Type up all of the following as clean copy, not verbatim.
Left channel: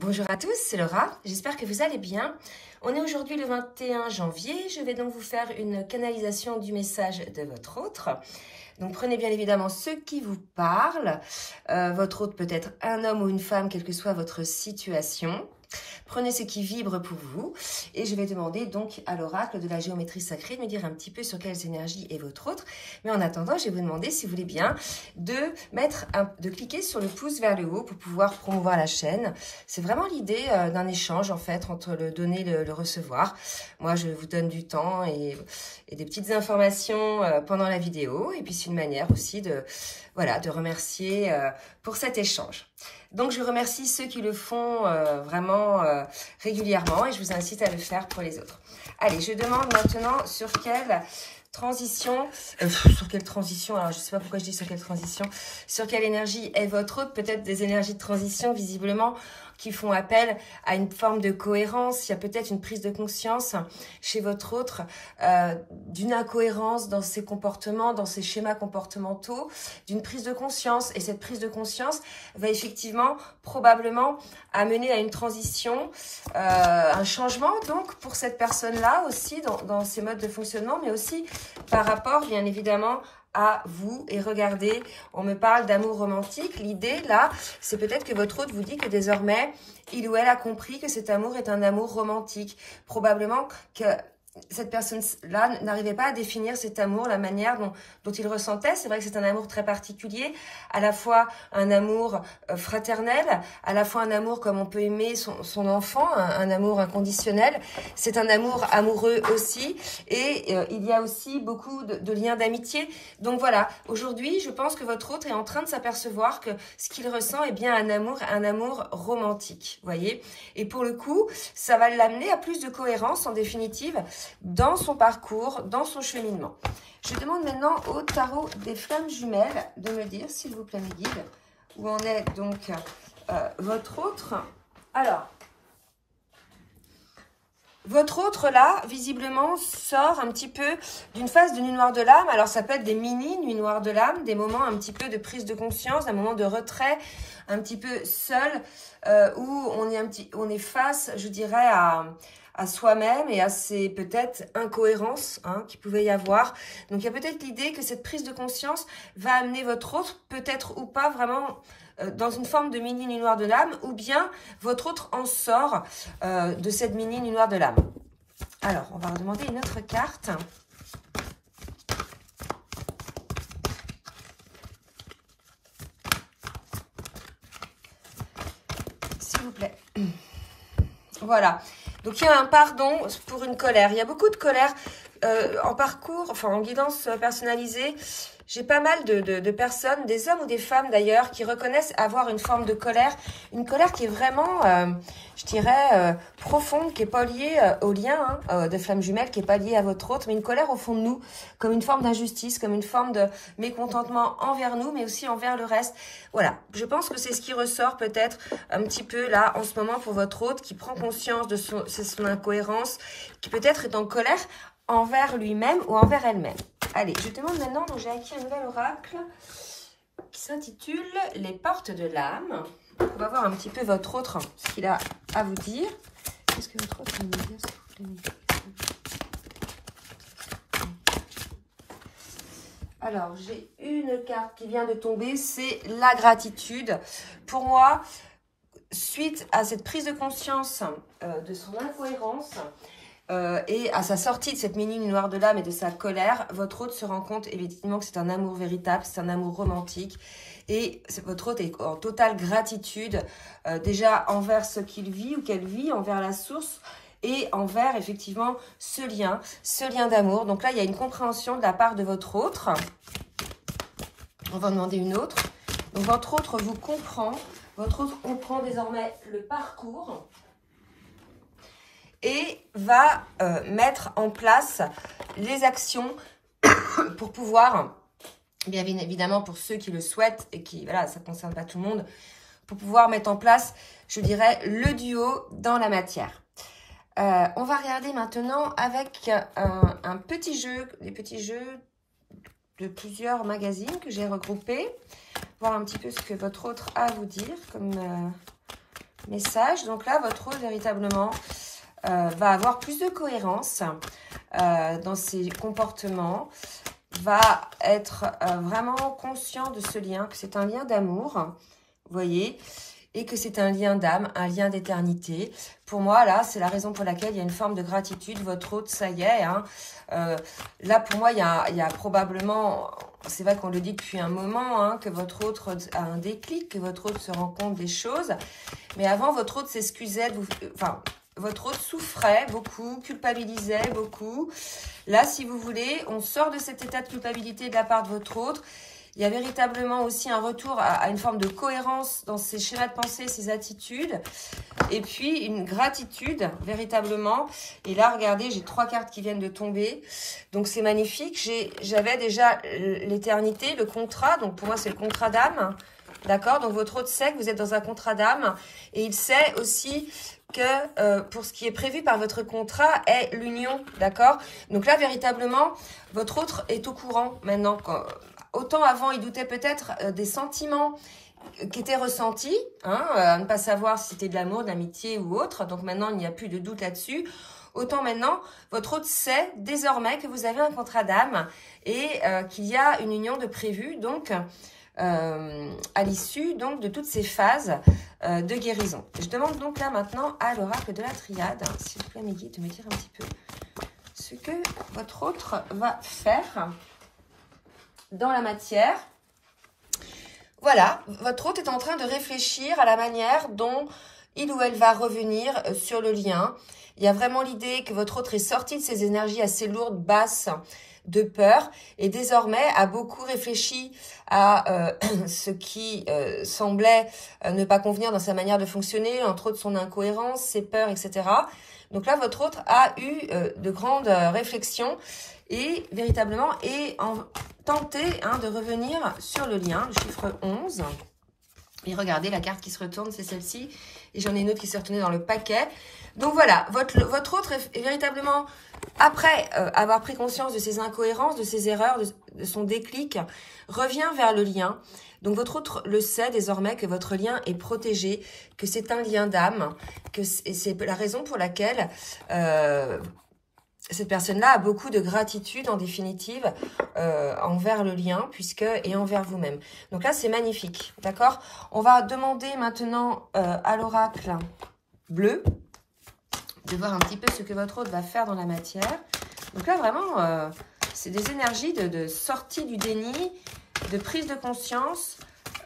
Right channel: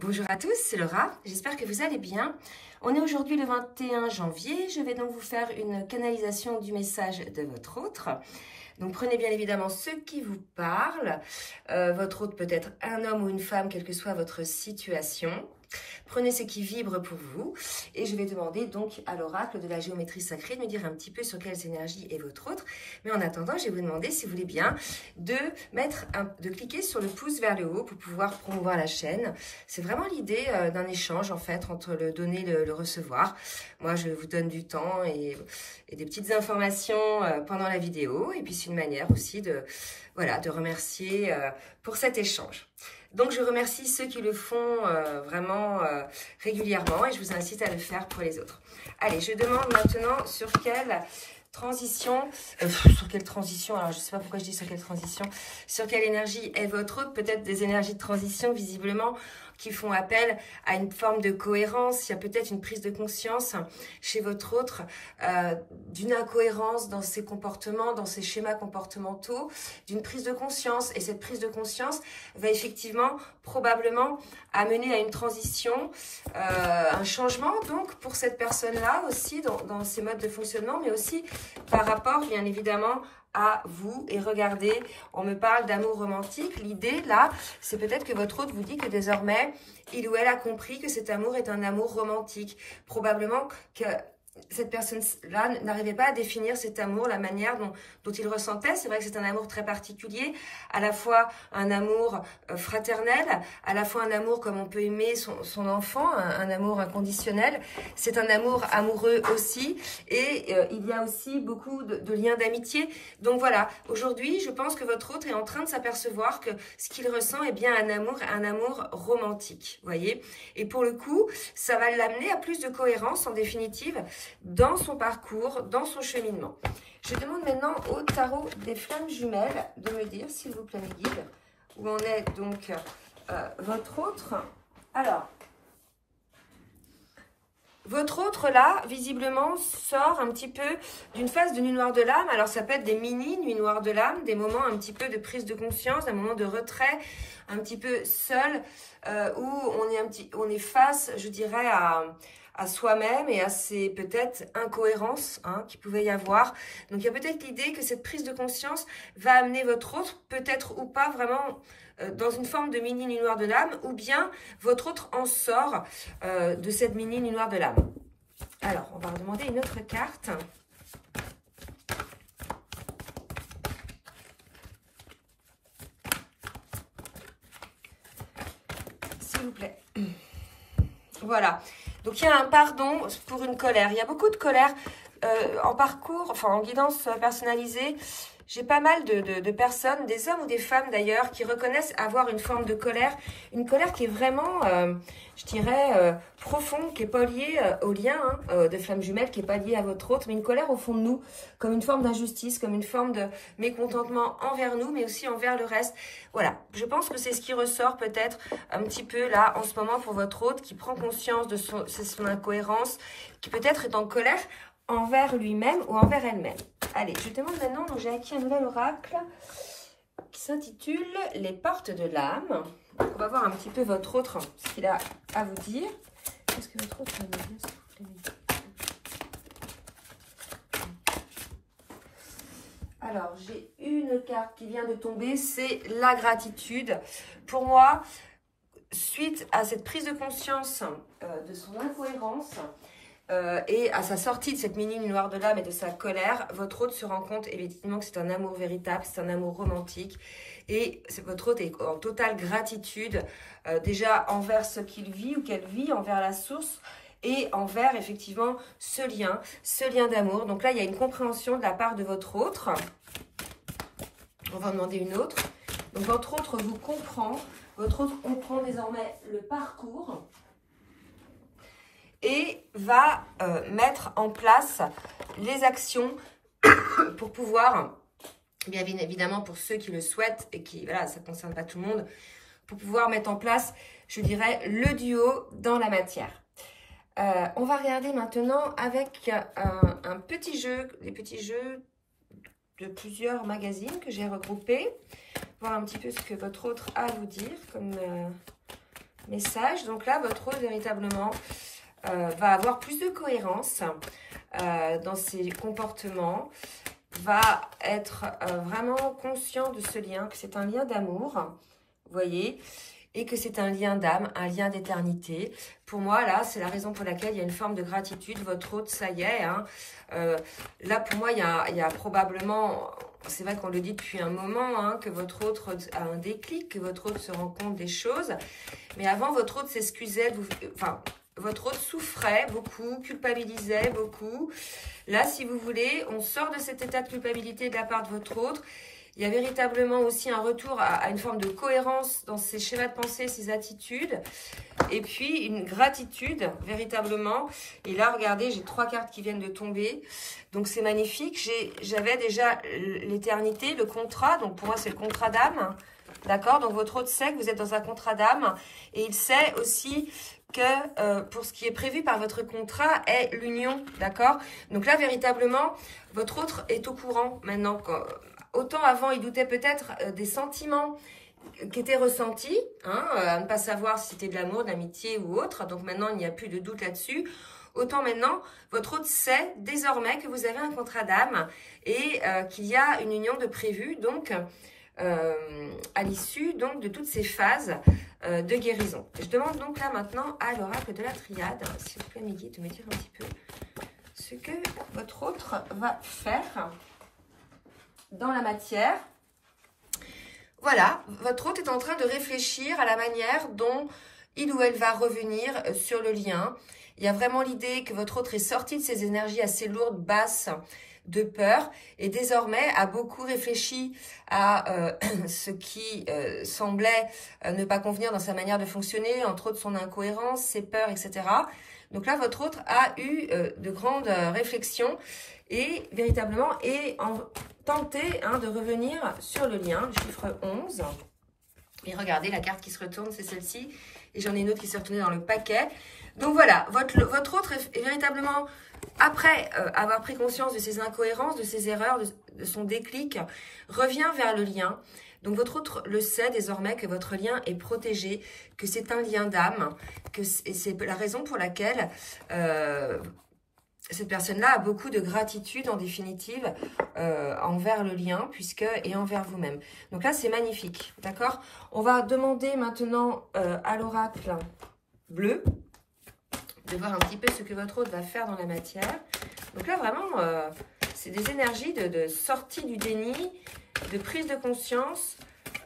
Bonjour à tous, c'est Laura, j'espère que vous allez bien. On est aujourd'hui le 21 janvier, je vais donc vous faire une canalisation du message de votre autre. Donc prenez bien évidemment ce qui vous parle, votre autre peut être un homme ou une femme, quelle que soit votre situation. Prenez ce qui vibre pour vous et je vais demander donc à l'oracle de la géométrie sacrée de me dire un petit peu sur quelles énergies est votre autre. Mais en attendant, je vais vous demander, si vous voulez bien, de cliquer sur le pouce vers le haut pour pouvoir promouvoir la chaîne. C'est vraiment l'idée d'un échange en fait entre le donner et le recevoir. Moi, je vous donne du temps et des petites informations pendant la vidéo. Et puis, c'est une manière aussi de remercier pour cet échange. Donc, je remercie ceux qui le font vraiment régulièrement et je vous incite à le faire pour les autres. Allez, je demande maintenant sur quelle transition, alors je ne sais pas pourquoi je dis sur quelle transition, sur quelle énergie est votre autre, peut-être des énergies de transition visiblement qui font appel à une forme de cohérence. Il y a peut-être une prise de conscience chez votre autre d'une incohérence dans ses comportements, dans ses schémas comportementaux, d'une prise de conscience. Et cette prise de conscience va effectivement, probablement, amener à une transition, un changement donc pour cette personne-là aussi dans ses modes de fonctionnement, mais aussi par rapport, bien évidemment, à vous. Et regardez, on me parle d'amour romantique. L'idée, là, c'est peut-être que votre autre vous dit que désormais, il ou elle a compris que cet amour est un amour romantique. Probablement que cette personne-là n'arrivait pas à définir cet amour, la manière dont il ressentait. C'est vrai que c'est un amour très particulier, à la fois un amour fraternel, à la fois un amour comme on peut aimer son enfant, un amour inconditionnel. C'est un amour amoureux aussi, et il y a aussi beaucoup de liens d'amitié. Donc voilà, aujourd'hui, je pense que votre autre est en train de s'apercevoir que ce qu'il ressent est bien un amour romantique, voyez. Et pour le coup, ça va l'amener à plus de cohérence, en définitive, dans son parcours, dans son cheminement. Je demande maintenant au tarot des flammes jumelles de me dire, s'il vous plaît, mes guides, où en est donc votre autre. Alors, votre autre, là, visiblement, sort un petit peu d'une phase de nuit noire de l'âme. Alors, ça peut être des mini nuits noires de l'âme, des moments un petit peu de prise de conscience, un moment de retrait, un petit peu seul, où on est face, je dirais, à soi-même et à ces peut-être incohérences qu'il pouvait y avoir. Donc, il y a peut-être l'idée que cette prise de conscience va amener votre autre, peut-être ou pas vraiment, dans une forme de mini nuit noire de l'âme, ou bien votre autre en sort de cette mini nuit noire de l'âme. Alors, on va redemander une autre carte. S'il vous plaît. Voilà. Donc, il y a un pardon pour une colère. Il y a beaucoup de colère en parcours, enfin en guidance personnalisée. J'ai pas mal de personnes, des hommes ou des femmes d'ailleurs, qui reconnaissent avoir une forme de colère. Une colère qui est vraiment, je dirais, profonde, qui n'est pas liée au lien de flamme jumelle, qui n'est pas liée à votre autre, mais une colère au fond de nous, comme une forme d'injustice, comme une forme de mécontentement envers nous, mais aussi envers le reste. Voilà, je pense que c'est ce qui ressort peut-être un petit peu là, en ce moment, pour votre autre, qui prend conscience de son incohérence, qui peut-être est en colère envers lui-même ou envers elle-même. Allez, je demande maintenant, donc j'ai acquis un nouvel oracle qui s'intitule « Les portes de l'âme ». On va voir un petit peu votre autre, ce qu'il a à vous dire. Qu'est-ce que votre autre va me dire, s'il vous plaît? Alors, j'ai une carte qui vient de tomber, c'est la gratitude. Pour moi, suite à cette prise de conscience de son incohérence, et à sa sortie de cette mini nuit noire de l'âme et de sa colère, votre autre se rend compte évidemment que c'est un amour véritable, c'est un amour romantique. Et votre autre est en totale gratitude, déjà envers ce qu'il vit ou qu'elle vit, envers la source et envers effectivement ce lien d'amour. Donc là, il y a une compréhension de la part de votre autre. On va en demander une autre. Donc votre autre vous comprend, votre autre comprend désormais le parcours et va mettre en place les actions pour pouvoir, bien évidemment pour ceux qui le souhaitent et qui, voilà, ça ne concerne pas tout le monde, pour pouvoir mettre en place, je dirais, le duo dans la matière. On va regarder maintenant avec un petit jeu, les petits jeux de plusieurs magazines que j'ai regroupés, voir un petit peu ce que votre autre a à vous dire comme message. Donc là, votre hôte, véritablement, va avoir plus de cohérence dans ses comportements, va être vraiment conscient de ce lien, que c'est un lien d'amour, vous voyez, et que c'est un lien d'âme, un lien d'éternité. Pour moi, là, c'est la raison pour laquelle il y a une forme de gratitude. Votre hôte, ça y est. Hein, là, pour moi, il y a probablement, c'est vrai qu'on le dit depuis un moment, hein, que votre hôte a un déclic, que votre hôte se rend compte des choses. Mais avant, votre hôte s'excusait, votre hôte souffrait beaucoup, culpabilisait beaucoup. Là, si vous voulez, on sort de cet état de culpabilité de la part de votre hôte. Il y a véritablement aussi un retour à une forme de cohérence dans ses schémas de pensée, ses attitudes. Et puis, une gratitude, véritablement. Et là, regardez, j'ai 3 cartes qui viennent de tomber. Donc, c'est magnifique. J'avais déjà l'éternité, le contrat. Donc, pour moi, c'est le contrat d'âme. D'accord? Donc, votre hôte sait que vous êtes dans un contrat d'âme. Et il sait aussi que pour ce qui est prévu par votre contrat est l'union. D'accord? Donc là, véritablement, votre hôte est au courant maintenant. Autant avant, il doutait peut-être des sentiments qui étaient ressentis, hein, à ne pas savoir si c'était de l'amour, de l'amitié ou autre. Donc maintenant, il n'y a plus de doute là-dessus. Autant maintenant, votre hôte sait désormais que vous avez un contrat d'âme et qu'il y a une union de prévu, donc à l'issue donc de toutes ces phases de guérison. Je demande donc là maintenant à l'oracle de la triade, hein, s'il vous plaît, mes guides, de me dire un petit peu ce que votre hôte va faire dans la matière. Voilà, votre hôte est en train de réfléchir à la manière dont il ou elle va revenir sur le lien. Il y a vraiment l'idée que votre hôte est sorti de ces énergies assez lourdes, basses, de peur, et désormais a beaucoup réfléchi à ce qui semblait ne pas convenir dans sa manière de fonctionner, entre autres son incohérence, ses peurs, etc. Donc là, votre hôte a eu de grandes réflexions et véritablement tenter de revenir sur le lien, le chiffre 11. Et regardez, la carte qui se retourne, c'est celle-ci. Et j'en ai une autre qui s'est retournée dans le paquet. Donc voilà, votre hôte est véritablement, après avoir pris conscience de ses incohérences, de ses erreurs, de son déclic, revient vers le lien. Donc votre hôte le sait désormais que votre lien est protégé, que c'est un lien d'âme, que c'est la raison pour laquelle cette personne-là a beaucoup de gratitude en définitive envers le lien et envers vous-même. Donc là, c'est magnifique, d'accord? On va demander maintenant à l'oracle bleu de voir un petit peu ce que votre hôte va faire dans la matière. Donc là, vraiment, c'est des énergies de sortie du déni, de prise de conscience,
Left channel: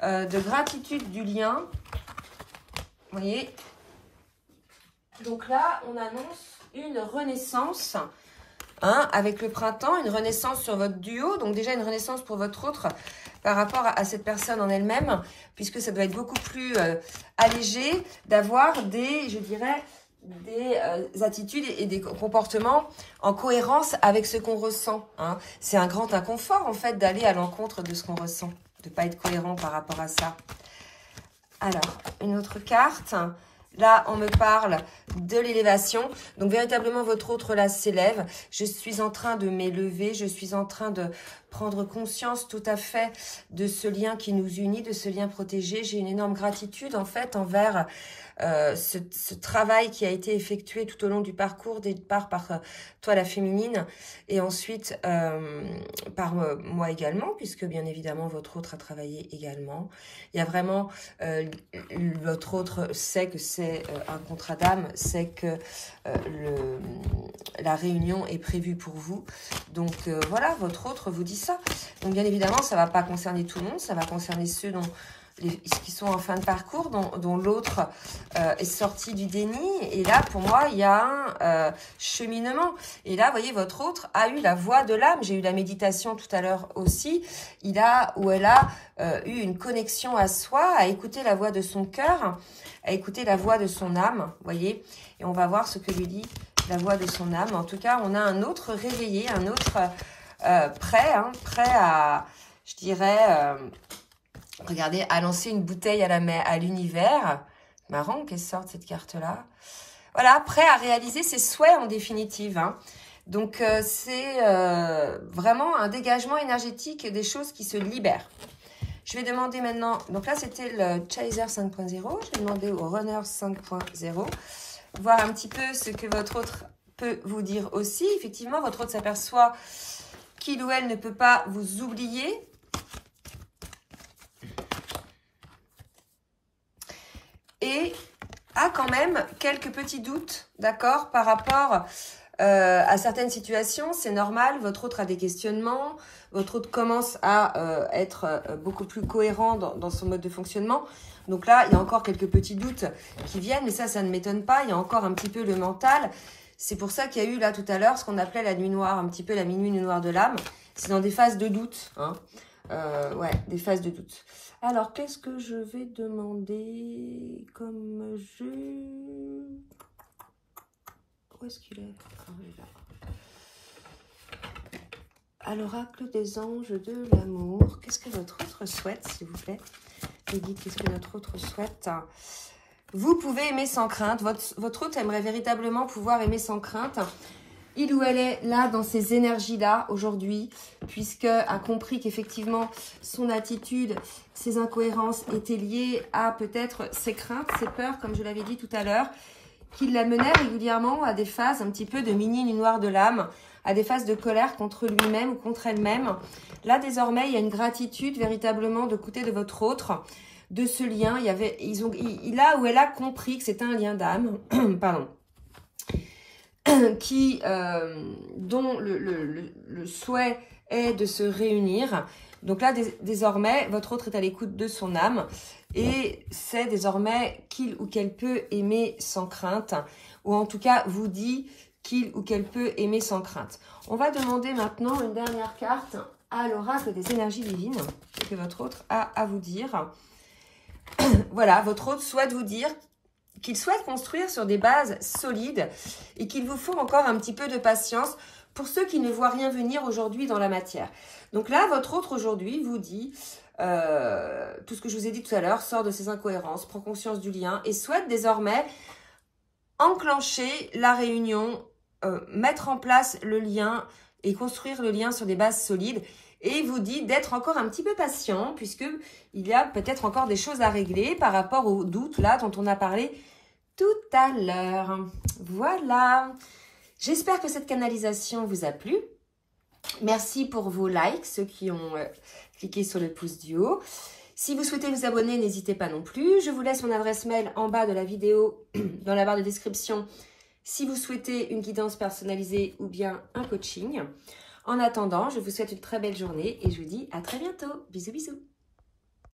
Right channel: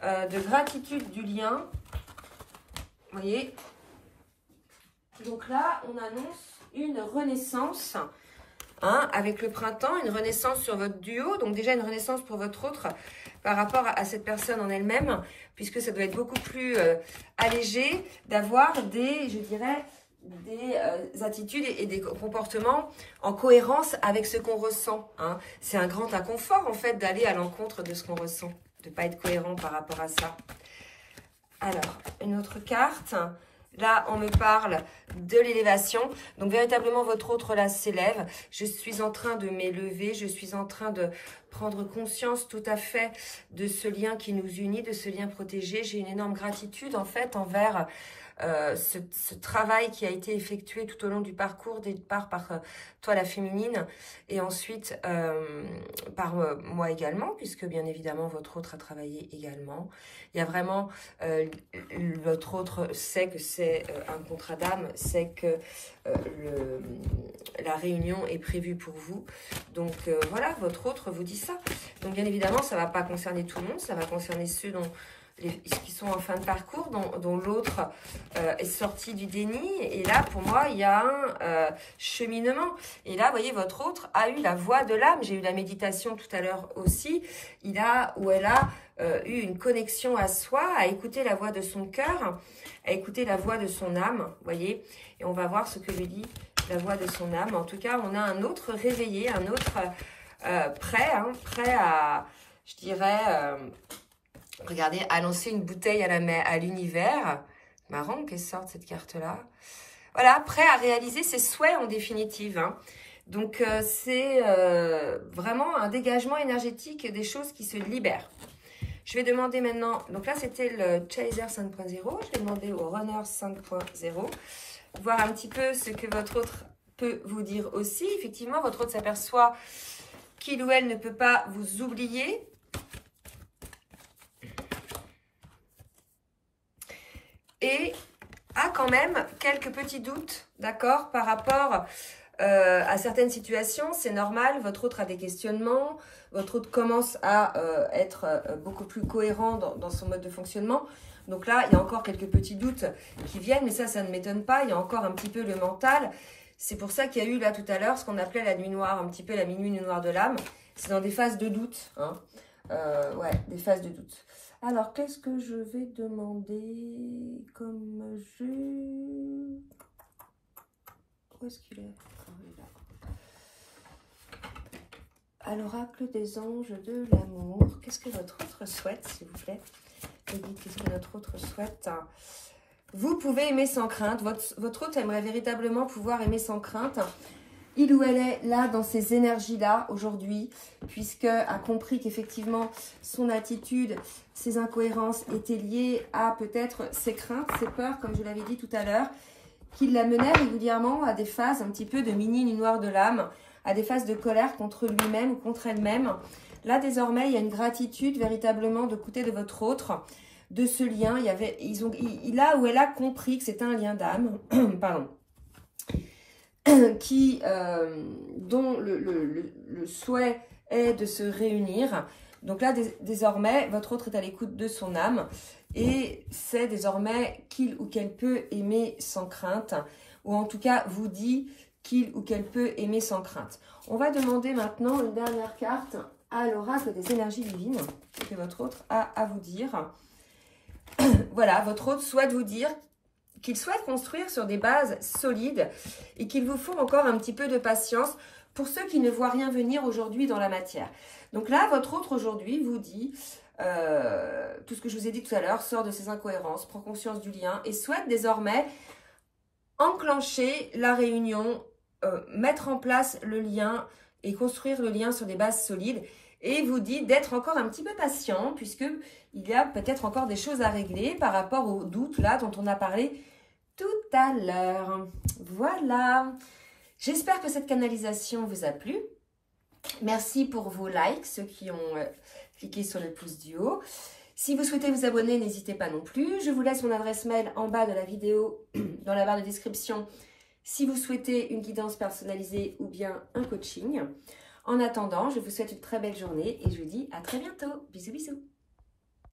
de gratitude du lien. Vous voyez? Donc là, on annonce une renaissance avec le printemps, une renaissance sur votre duo. Donc déjà, une renaissance pour votre autre par rapport à cette personne en elle-même, puisque ça doit être beaucoup plus allégé d'avoir je dirais, des attitudes et des comportements en cohérence avec ce qu'on ressent. Hein. C'est un grand inconfort, en fait, d'aller à l'encontre de ce qu'on ressent, de ne pas être cohérent par rapport à ça. Alors, une autre carte. Là, on me parle de l'élévation. Donc, véritablement, votre autre là s'élève. Je suis en train de m'élever. Je suis en train de prendre conscience tout à fait de ce lien qui nous unit, de ce lien protégé. J'ai une énorme gratitude, en fait, envers ce travail qui a été effectué tout au long du parcours, des départ par toi la féminine et ensuite par moi également, puisque bien évidemment votre autre a travaillé également. Il y a vraiment, votre autre sait que c'est un contrat d'âme, sait que la réunion est prévue pour vous. Donc voilà, votre autre vous dit ça. Donc bien évidemment, ça ne va pas concerner tout le monde, ça va concerner ceux qui sont en fin de parcours, dont l'autre est sorti du déni. Et là, pour moi, il y a un cheminement. Et là, vous voyez, votre autre a eu la voix de l'âme. J'ai eu la méditation tout à l'heure aussi. Elle a eu une connexion à soi, à écouter la voix de son cœur, à écouter la voix de son âme, vous voyez. Et on va voir ce que lui dit la voix de son âme. En tout cas, on a un autre réveillé, un autre prêt à, je dirais... regardez, à lancer une bouteille à l'univers. Marrant qu'elle sorte cette carte-là. Voilà, prêt à réaliser ses souhaits en définitive. Hein. Donc, c'est vraiment un dégagement énergétique des choses qui se libèrent. Je vais demander maintenant, donc là c'était le Chaser 5.0, je vais demander au Runner 5.0, voir un petit peu ce que votre autre peut vous dire aussi. Effectivement, votre autre s'aperçoit qu'il ou elle ne peut pas vous oublier. Et a quand même quelques petits doutes, d'accord, par rapport à certaines situations. C'est normal, votre autre a des questionnements, votre autre commence à être beaucoup plus cohérent dans son mode de fonctionnement. Donc là, il y a encore quelques petits doutes qui viennent, mais ça ne m'étonne pas. Il y a encore un petit peu le mental. C'est pour ça qu'il y a eu là tout à l'heure ce qu'on appelait la nuit noire, un petit peu la minuit noire de l'âme. C'est dans des phases de doute, hein. Ouais, des phases de doute. Alors, qu'est-ce que je vais demander comme jeu? Où est-ce qu'il est? À l'oracle des anges de l'amour. Qu'est-ce que votre autre souhaite, s'il vous plaît? Me dites qu'est-ce que votre autre souhaite. Vous pouvez aimer sans crainte. Votre autre aimerait véritablement pouvoir aimer sans crainte. Il ou elle est là dans ces énergies-là aujourd'hui, puisque a compris qu'effectivement son attitude, ses incohérences étaient liées à peut-être ses craintes, ses peurs, comme je l'avais dit tout à l'heure, qui la menaient régulièrement à des phases un petit peu de mini nuit noire de l'âme, à des phases de colère contre lui-même ou contre elle-même. Là, désormais, il y a une gratitude véritablement de côté de votre autre, de ce lien. Là où elle a compris que c'était un lien d'âme, pardon, dont le souhait est de se réunir. Donc là, désormais, votre autre est à l'écoute de son âme et c'est désormais qu'il ou qu'elle peut aimer sans crainte, ou en tout cas vous dit qu'il ou qu'elle peut aimer sans crainte. On va demander maintenant une dernière carte à l'oracle des énergies divines, ce que votre autre a à vous dire. Voilà, votre autre souhaite vous dire qu'il souhaite construire sur des bases solides et qu'il vous faut encore un petit peu de patience pour ceux qui ne voient rien venir aujourd'hui dans la matière. Donc là, votre autre aujourd'hui vous dit, tout ce que je vous ai dit tout à l'heure, sort de ses incohérences, prend conscience du lien et souhaite désormais enclencher la réunion, mettre en place le lien et construire le lien sur des bases solides. Et vous dit d'être encore un petit peu patient puisqu'il y a peut-être encore des choses à régler par rapport aux doutes là dont on a parlé tout à l'heure. Voilà. J'espère que cette canalisation vous a plu. Merci pour vos likes, ceux qui ont cliqué sur le pouce du haut. Si vous souhaitez vous abonner, n'hésitez pas non plus. Je vous laisse mon adresse mail en bas de la vidéo, dans la barre de description, si vous souhaitez une guidance personnalisée ou bien un coaching. En attendant, je vous souhaite une très belle journée et je vous dis à très bientôt. Bisous, bisous.